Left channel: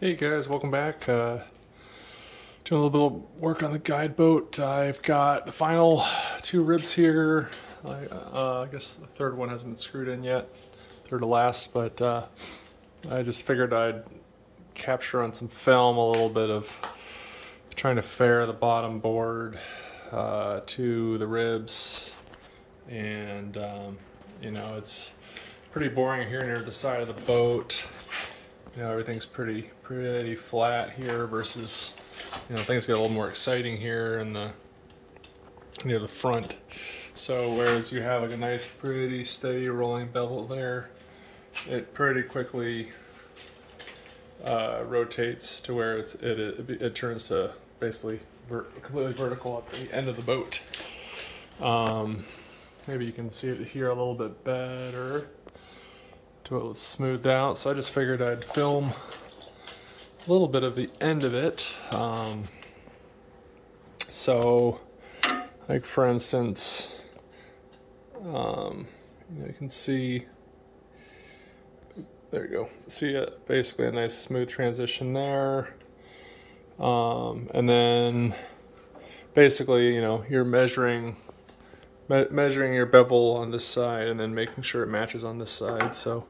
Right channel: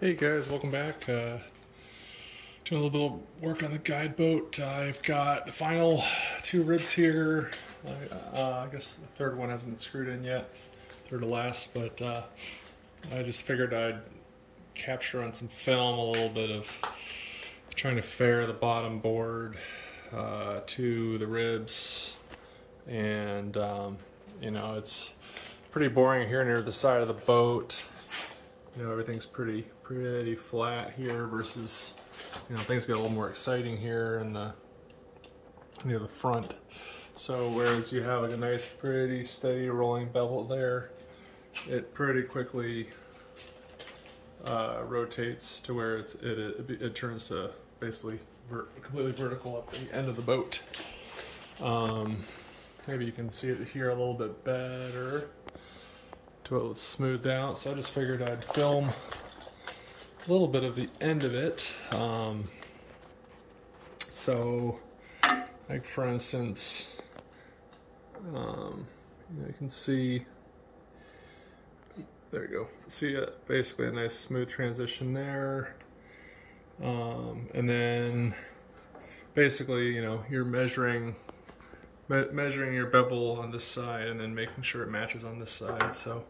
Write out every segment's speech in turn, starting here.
Hey guys, welcome back. Doing a little bit of work on the Guideboat. I've got the final two ribs here. I guess the third one hasn't been screwed in yet, third to last, but I just figured I'd capture on some film a little bit of trying to fare the bottom board to the ribs, and you know, it's pretty boring here near the side of the boat. You know, everything's pretty flat here versus, you know, things get a little more exciting here in the near the front. So whereas you have like a nice, pretty steady rolling bevel there, it pretty quickly rotates to where it turns to basically completely vertical at the end of the boat. Maybe you can see it here a little bit better till it's smoothed out. So I just figured I'd film a little bit of the end of it. So like for instance, you know, you can see, there you go, see basically a nice smooth transition there. And then basically, you know, you're measuring your bevel on this side and then making sure it matches on this side. So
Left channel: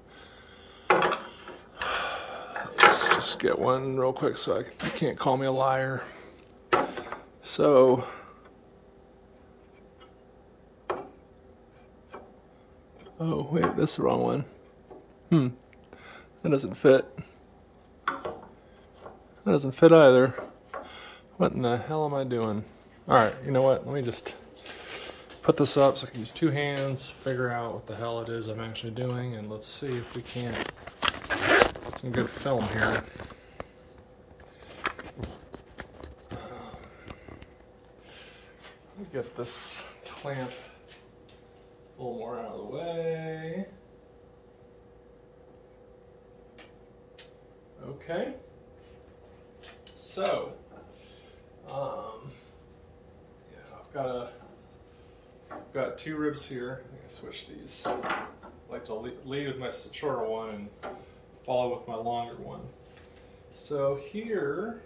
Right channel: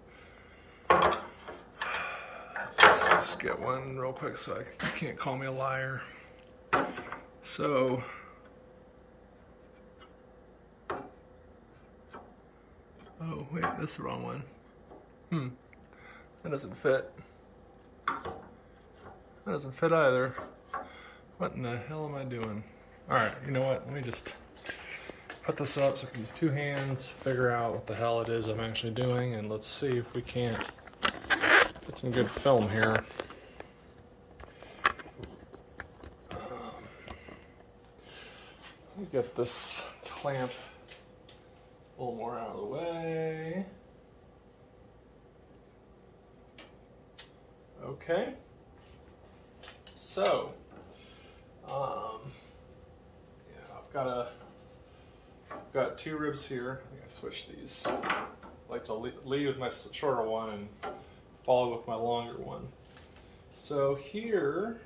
let's just get one real quick so you can't call me a liar. So oh wait, that's the wrong one. That doesn't fit. That doesn't fit either. What in the hell am I doing? Alright, you know what? Let me just put this up so I can use two hands, figure out what the hell it is I'm actually doing, and let's see if we can't get some good film here. Let me get this clamp a little more out of the way. Okay. So, yeah, I've got two ribs here. I think I switched these. I like to lead with my shorter one and follow with my longer one. So here,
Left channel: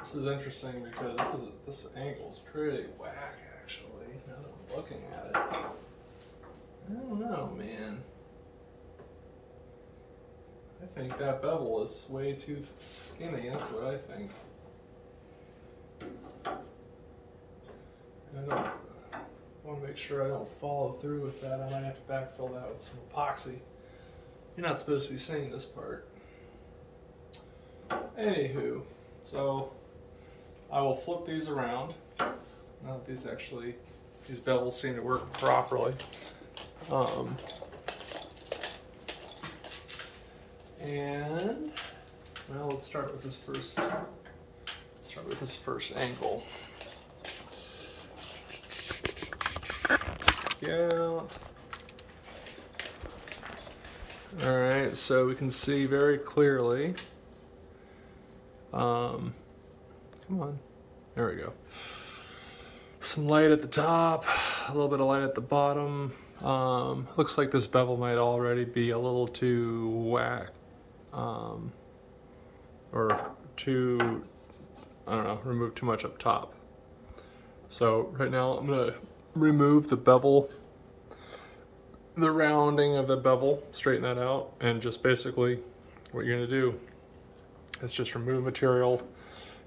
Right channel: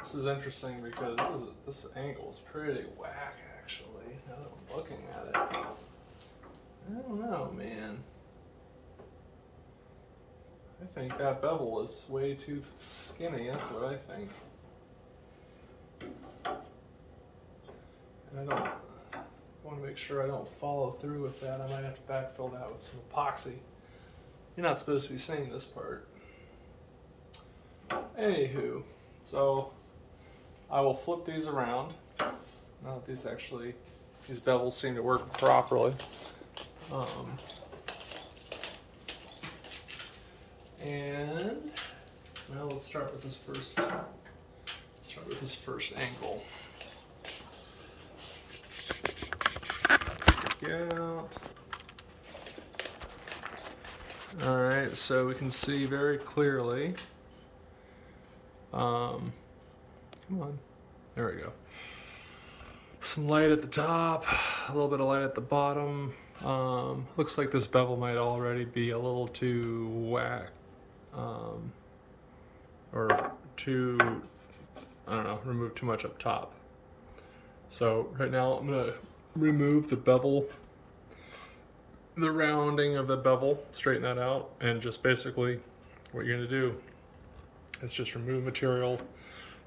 this is interesting because this angle is pretty whack actually, now that I'm looking at it. I don't know, man. I think that bevel is way too skinny, that's what I think. And I want to make sure I don't follow through with that. I might have to backfill that with some epoxy. You're not supposed to be seeing this part. Anywho, so I will flip these around. Now that these bevels seem to work properly. And well, let's start with this first angle. Check it out. All right, so we can see very clearly. Come on, there we go. Some light at the top, a little bit of light at the bottom. Looks like this bevel might already be a little too whack. Or too, I don't know, remove too much up top. So right now I'm gonna remove the bevel, the rounding of the bevel, straighten that out, and just basically what you're gonna do is just remove material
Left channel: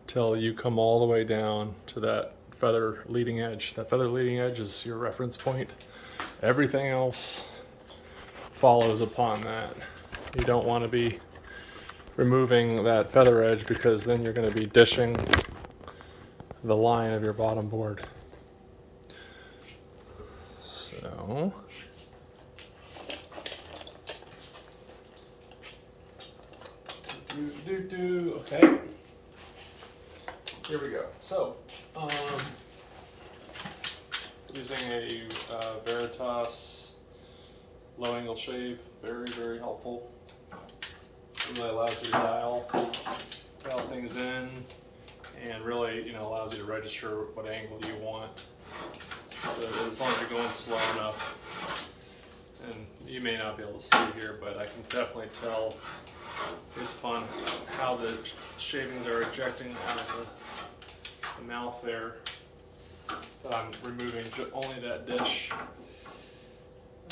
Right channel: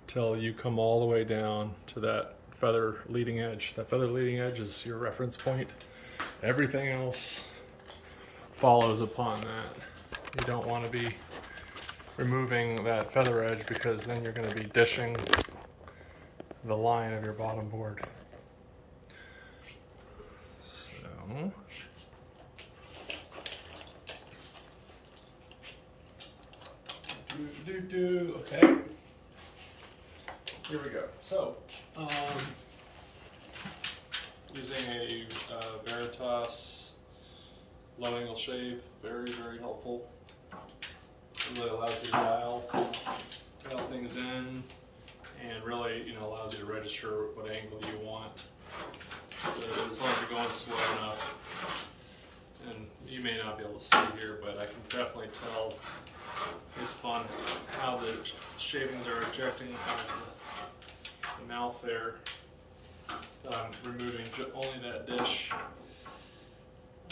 till you come all the way down to that feather leading edge. That feather leading edge is your reference point. Everything else follows upon that. You don't want to be removing that feather edge because then you're going to be dishing the line of your bottom board. So okay, here we go. So using a Veritas low angle shave, very helpful. It really allows you to dial things in, and really, you know, allows you to register what angle you want. So as long as you're going slow enough, and you may not be able to see here, but I can definitely tell based upon how the shavings are ejecting out of the mouth there, that I'm removing only that dish.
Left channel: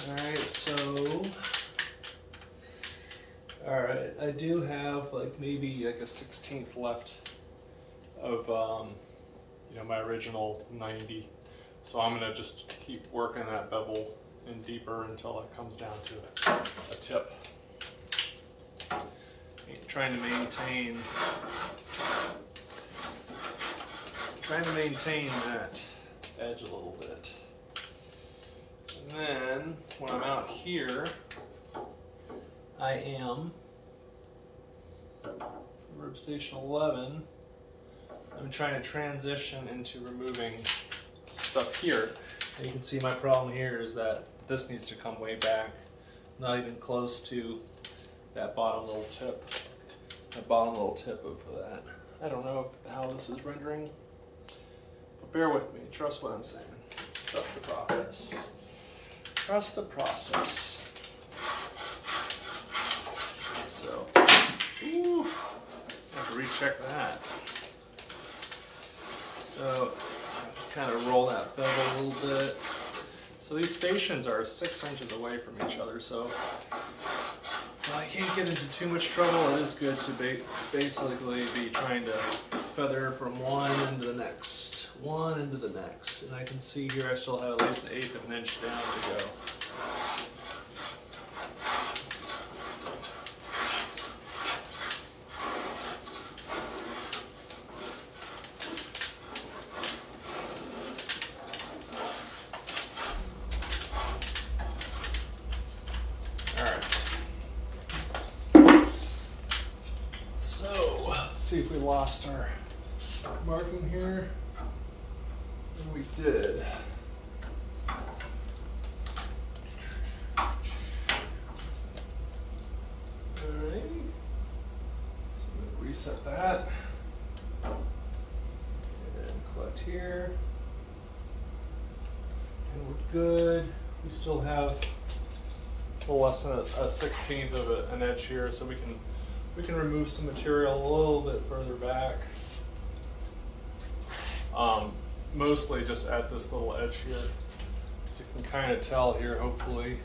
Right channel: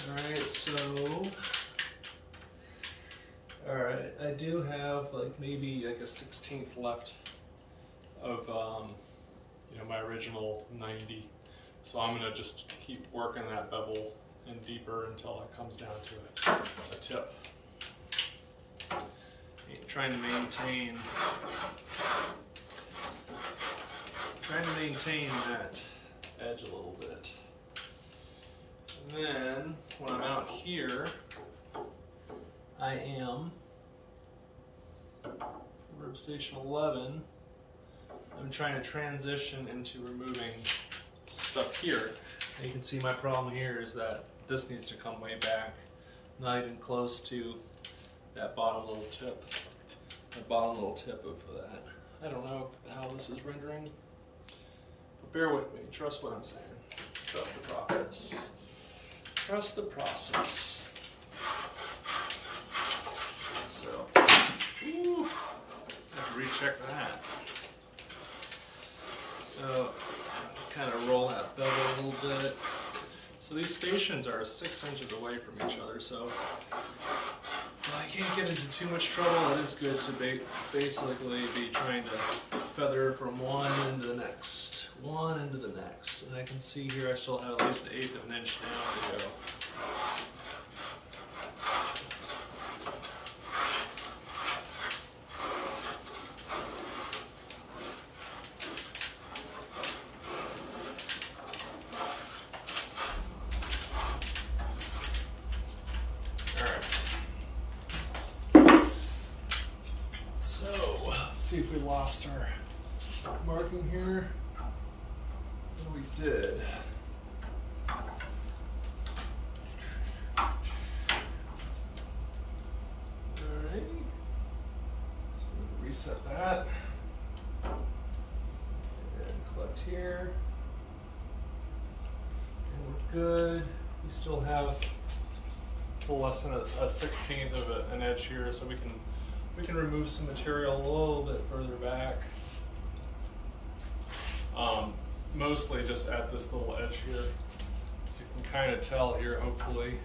Alright, so, alright, I do have like maybe like a 1/16 left of you know, my original 90. So I'm gonna just keep working that bevel in deeper until it comes down to a tip. Trying to maintain that edge a little bit. And then when I'm out here, I am rib station 11. I'm trying to transition into removing stuff here. And you can see my problem here is that this needs to come way back, not even close to that bottom little tip. The bottom little tip of that. I don't know how this is rendering, but bear with me. Trust what I'm saying. Trust the process. Trust the process. So, ooh, I have to recheck that. So, kind of roll that bevel a little bit. So these stations are 6 inches away from each other, so I can't get into too much trouble. It is good to basically be trying to feather from one end to the next, one end to the next. And I can see here I still have at least 1/8 of an inch down to go. See if we lost our marking here, and we did. Alright, so I'm going to reset that and collect here, and we're good. We still have a little less than a 1/16 of an edge here, so we can remove some material a little bit further back. Mostly just at this little edge here. So you can kind of tell here, hopefully.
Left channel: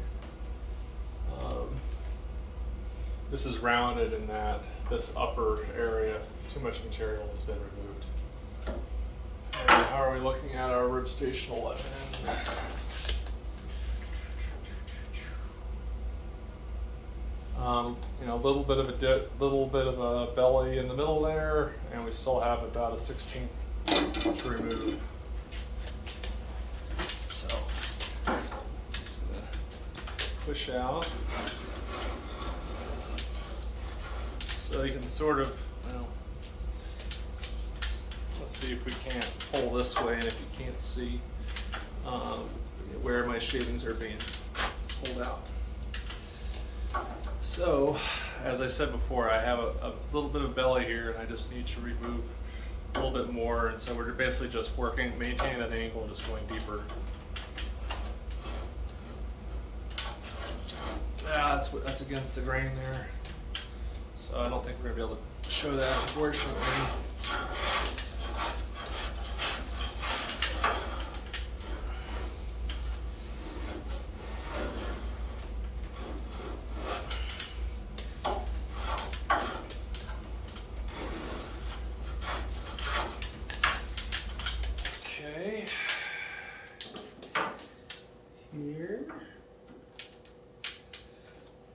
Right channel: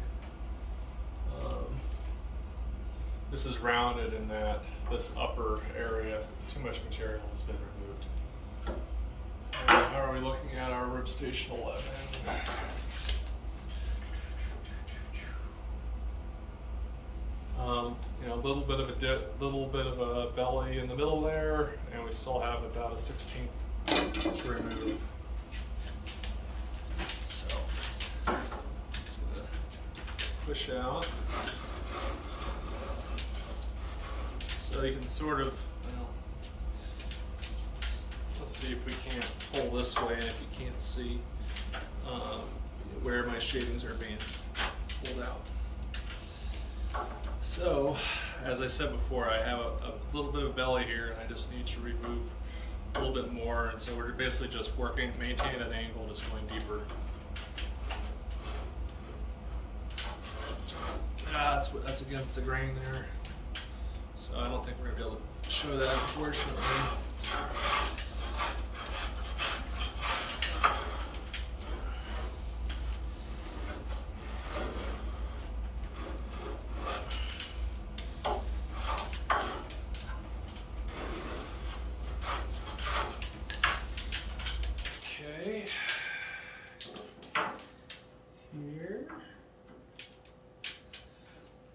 This is rounded in that this upper area, too much material has been removed. And how are we looking at our rib station 11? You know, a little bit of a belly in the middle there, and we still have about a 1/16 to remove. So, I'm just gonna push out, so you can sort of, well, let's see if we can't pull this way, and if you can't see where my shavings are being pulled out. So, as I said before, I have a little bit of belly here, and I just need to remove a little bit more, and so we're basically just maintaining that angle and just going deeper. Yeah, that's against the grain there, so I don't think we're going to be able to show that, unfortunately. Here,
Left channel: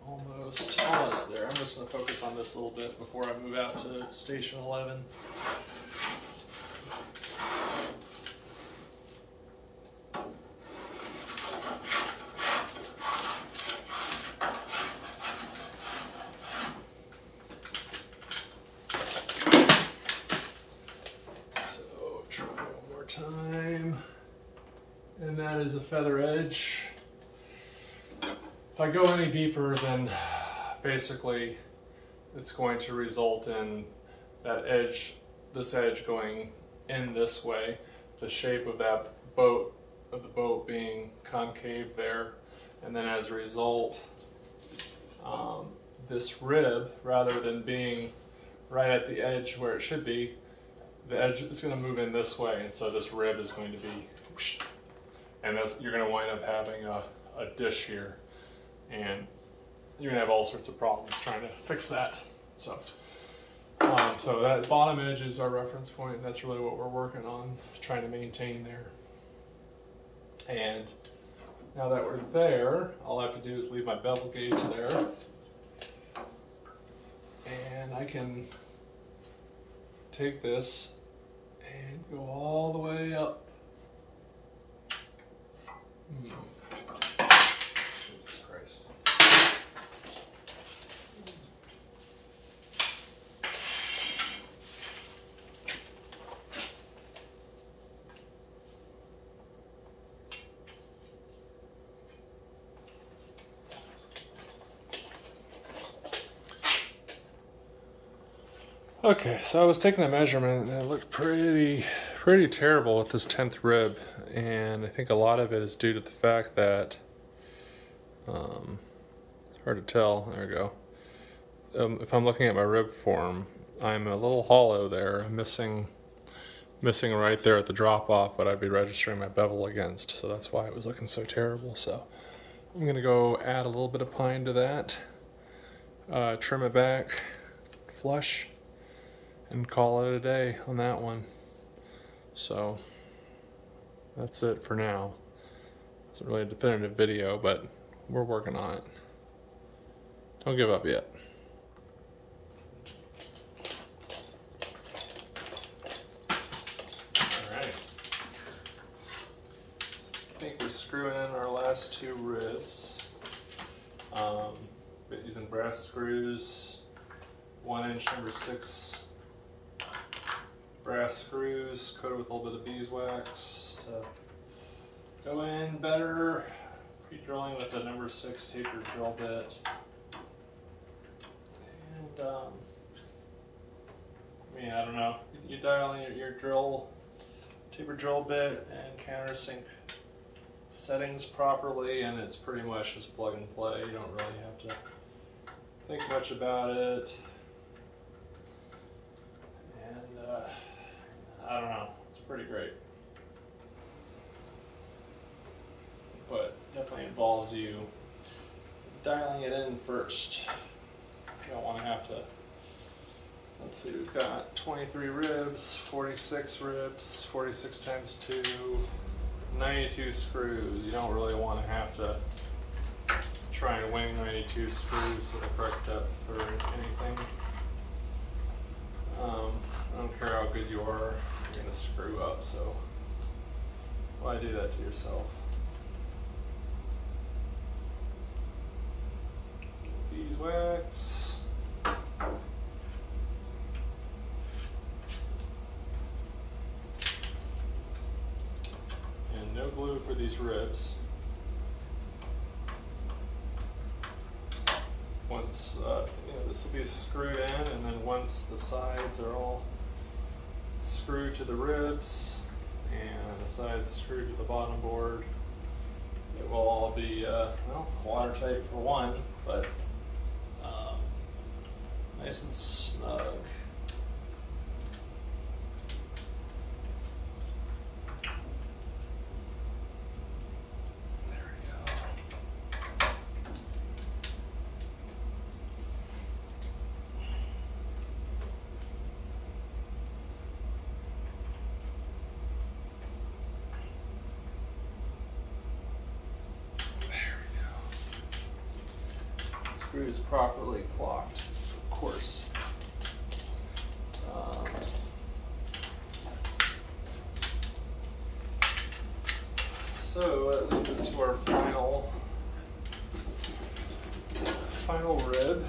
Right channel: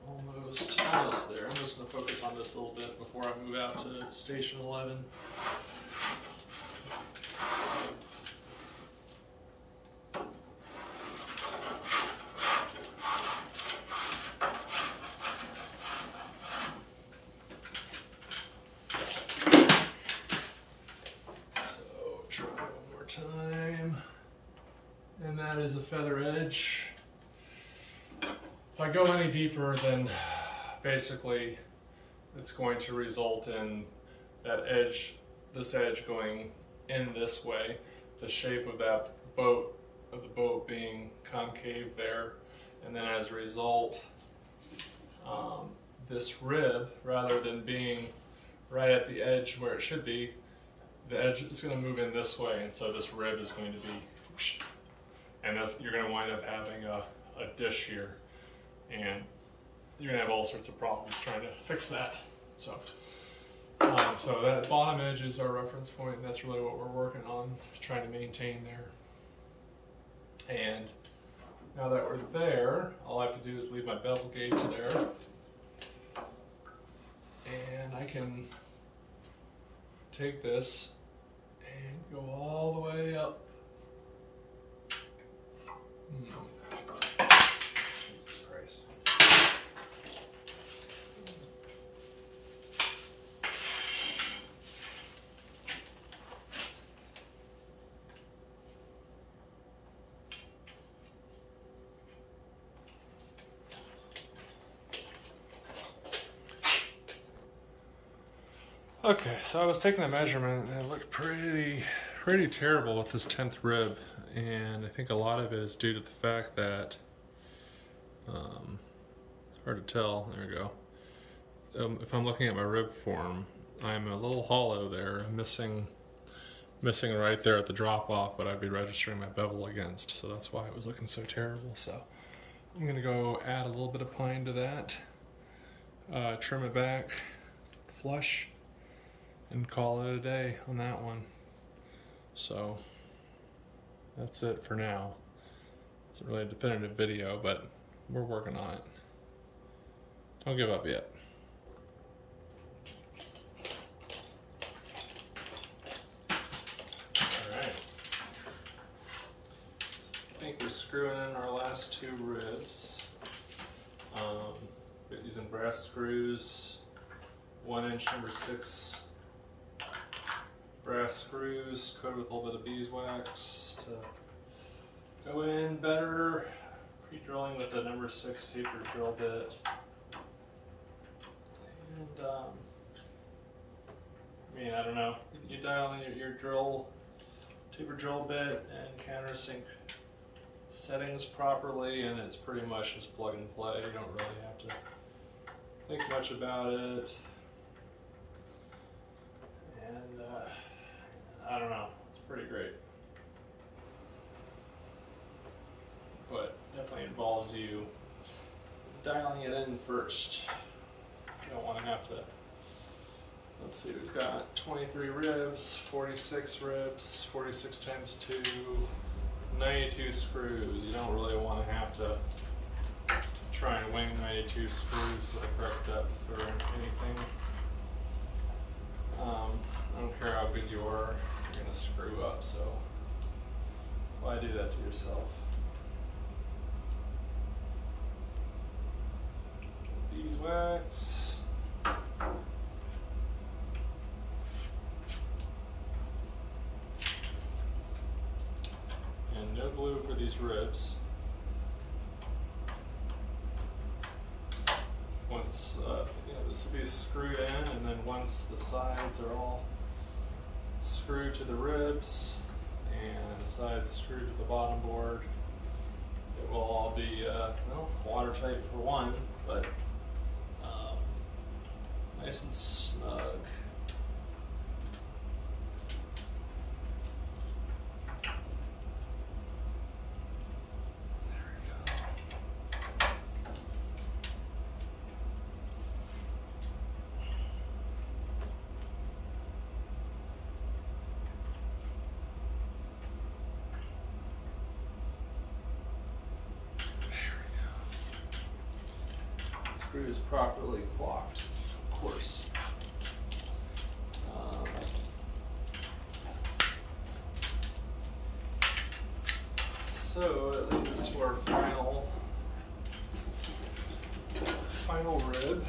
almost there. I'm just going to focus on this a little bit before I move out to station 11. So try one more time. And that is a feather edge. If I go any deeper, then basically it's going to result in that edge, this edge going in this way, the shape of that boat, of the boat being concave there, and then as a result, this rib, rather than being right at the edge where it should be, the edge is going to move in this way, and so this rib is going to be whoosh, and you're going to wind up having a dish here, and you're going to have all sorts of problems trying to fix that. So that bottom edge is our reference point, and that's really what we're working on, trying to maintain there. And now that we're there, all I have to do is leave my bevel gauge there, and I can take this and go all the way up. Jesus Christ. Okay, so I was taking a measurement and it looked pretty terrible with this 10th rib, and I think a lot of it is due to the fact that it's hard to tell. There we go. If I'm looking at my rib form, I'm a little hollow there, missing right there at the drop off what I'd be registering my bevel against, so that's why it was looking so terrible. So I'm gonna go add a little bit of pine to that, trim it back flush, and call it a day on that one. So that's it for now. It's not really a definitive video, but we're working on it. Don't give up yet. Alright. So I think we're screwing in our last two ribs. Using brass screws, 1-inch number 6 brass screws coated with a little bit of beeswax to go in better. Pre-drilling with the number 6 tapered drill bit. And I mean, I don't know. You dial in your tapered drill bit and countersink settings properly, and it's pretty much just plug and play. You don't really have to think much about it. And I don't know, it's pretty great. But definitely involves you dialing it in first. You don't want to have to, let's see, we've got 23 ribs, 46 ribs, 46 times 2, 92 screws. You don't really want to have to try and wing 92 screws to the correct depth or anything. I don't care how good you are, you're going to screw up, so why do that to yourself? Beeswax. And no glue for these ribs. Once, this will be screwed in, and then once the sides are all screwed to the ribs and the sides screwed to the bottom board, it will all be, well, watertight for one, but nice and snug. Screws properly clocked, of course. So that leads us to our final rib,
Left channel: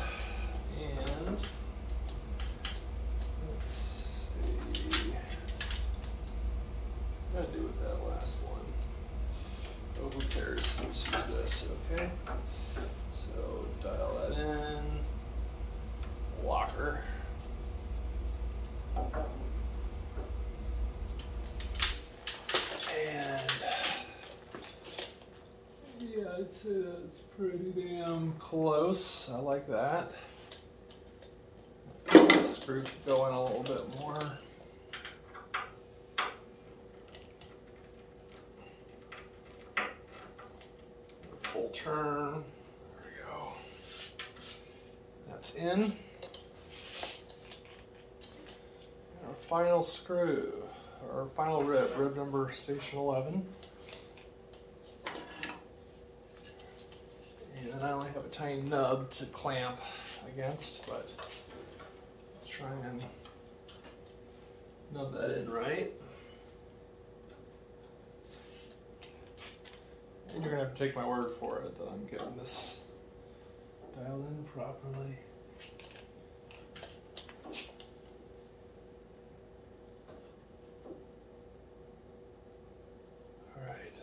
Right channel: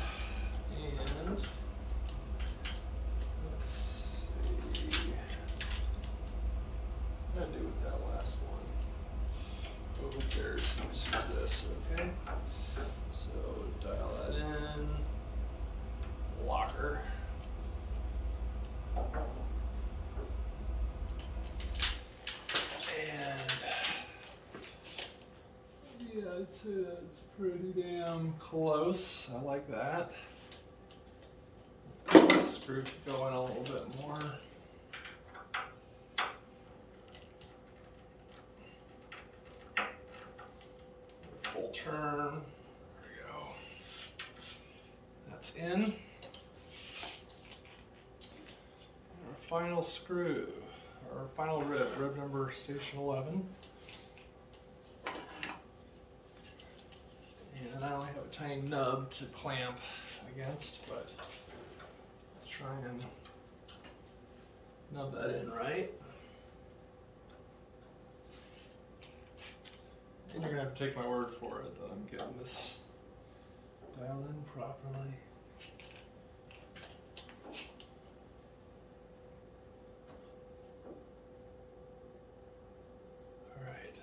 and let's see what do I do with that last one. Oh, who cares? We'll just use this, okay? So dial that in, locker. And yeah, I'd say that's pretty damn close. I like that. screw could go in a little bit more. Full turn. There we go. That's in. And our final screw, our final rib number station 11. And I only have a tiny nub to clamp against, but let's try and nub that in right. And you're gonna have to take my word for it that I'm getting this dialed in properly. All right.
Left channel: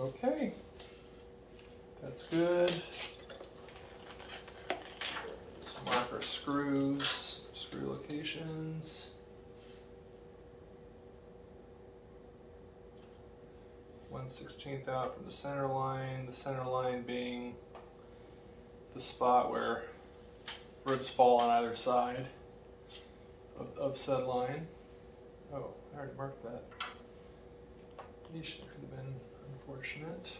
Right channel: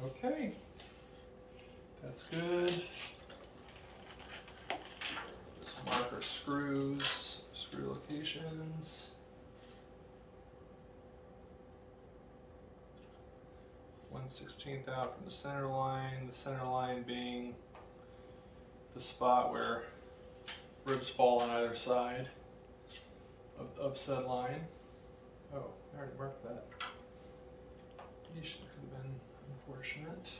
Okay, that's good. Let's mark our screws, screw locations. 1/16 out from the center line being the spot where ribs fall on either side of said line. Oh, I already marked that. Yeesh, that could have been unfortunate.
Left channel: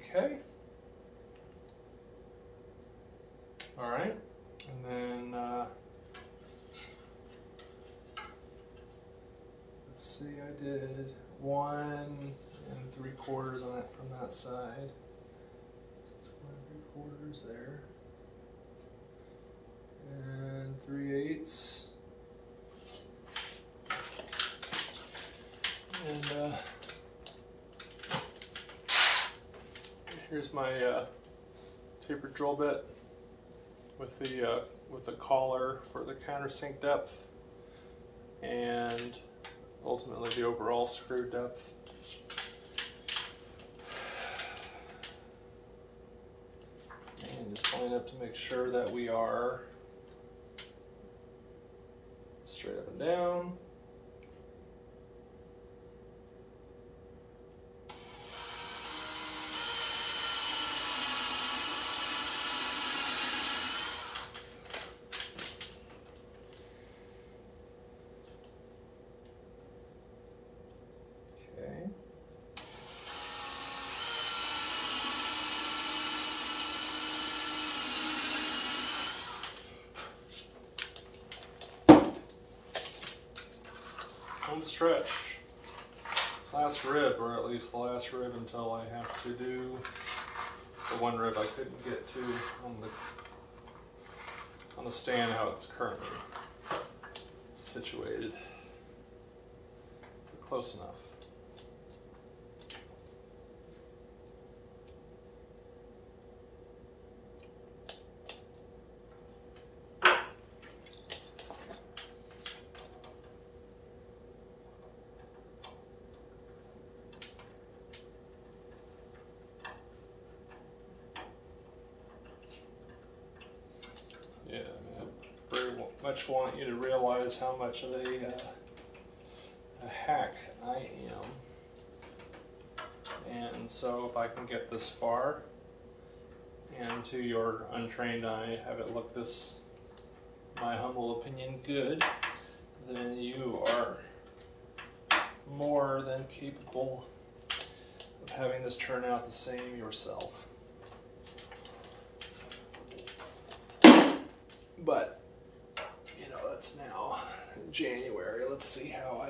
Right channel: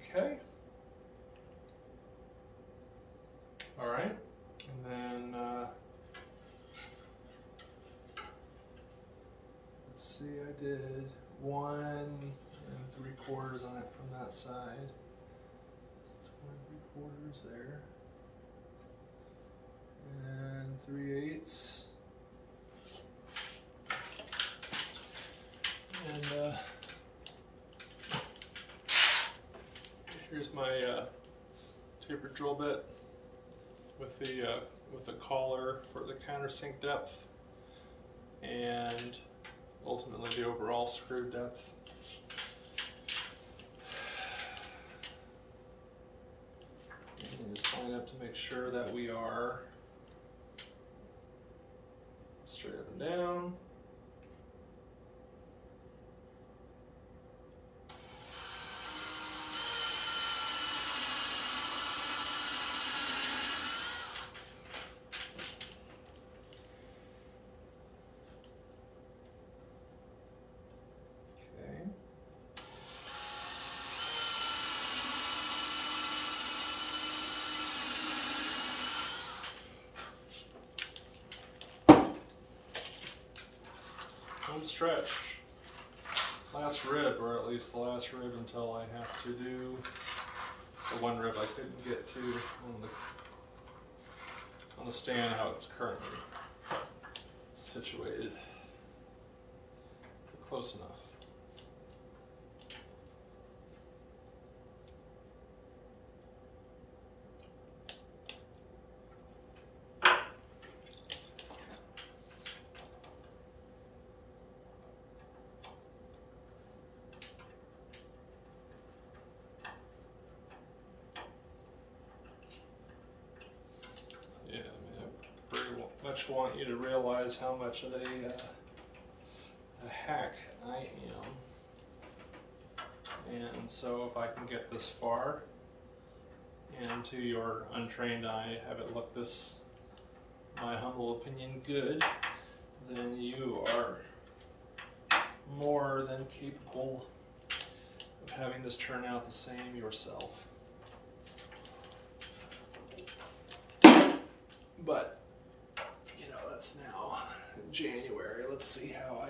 Okay. All right, and then let's see, I did 1 3/4 on it from that side. So it's 1 3/4 there. And 3/8. And here's my tapered drill bit with the collar for the countersink depth and ultimately the overall screw depth. And just line up to make sure that we are straight up and down. Okay. Home stretch. Last rib, or at least the last rib until I have to do the one rib I couldn't get to on the stand how it's currently situated. Close enough. Yeah, I very much want you to realize how much of a hack I am. And so if I can get this far and to your untrained eye have it look this, my humble opinion, good, then you are more than capable of having this turn out the same yourself. But that's now in January. Let's see how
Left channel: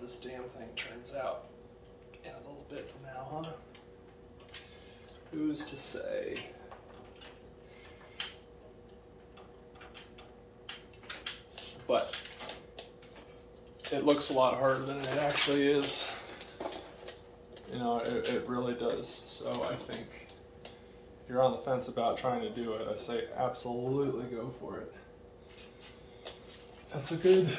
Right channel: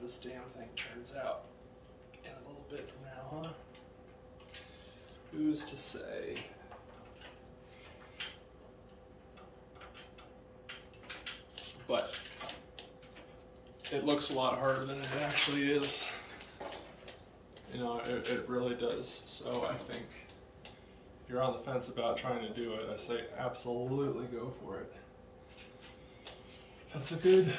this damn thing turns out in a little bit from now, huh? Who's to say? But it looks a lot harder than it actually is. It really does. So I think if you're on the fence about trying to do it, I say absolutely go for it. That's a good,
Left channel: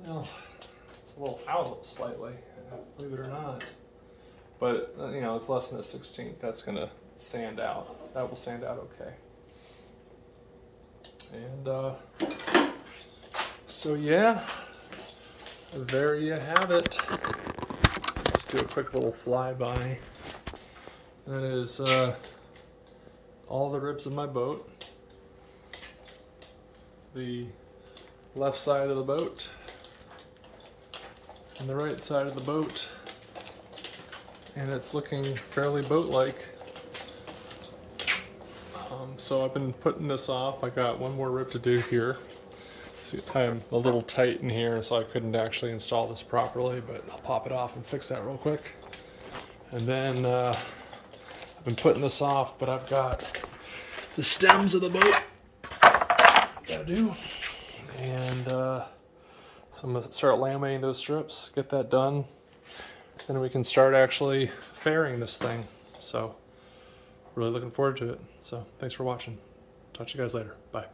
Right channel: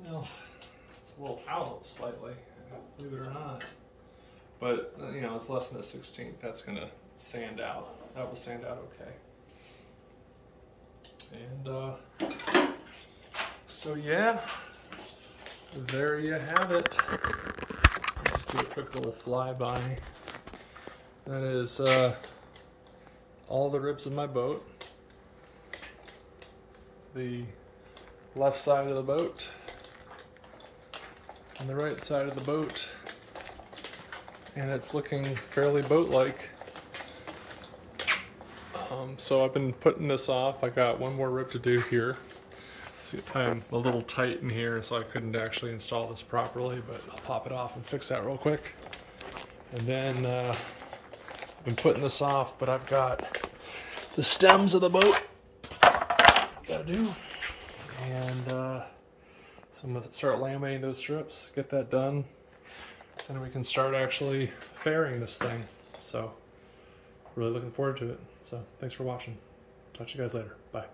it's a little out slightly, believe it or not. But, it's less than a 16th. That's going to sand out. That will sand out okay. And, so yeah, there you have it. Just do a quick little flyby. That is all the ribs of my boat. The left side of the boat and the right side of the boat, and it's looking fairly boat-like. So I've been putting this off. I got one more rib to do here. See, I'm a little tight in here, so I couldn't actually install this properly, but I'll pop it off and fix that real quick. And then I've been putting this off, but I've got the stems of the boat gotta do. And so I'm gonna start laminating those strips, get that done. Then we can start actually fairing this thing. So really looking forward to it. So thanks for watching. Talk to you guys later. Bye.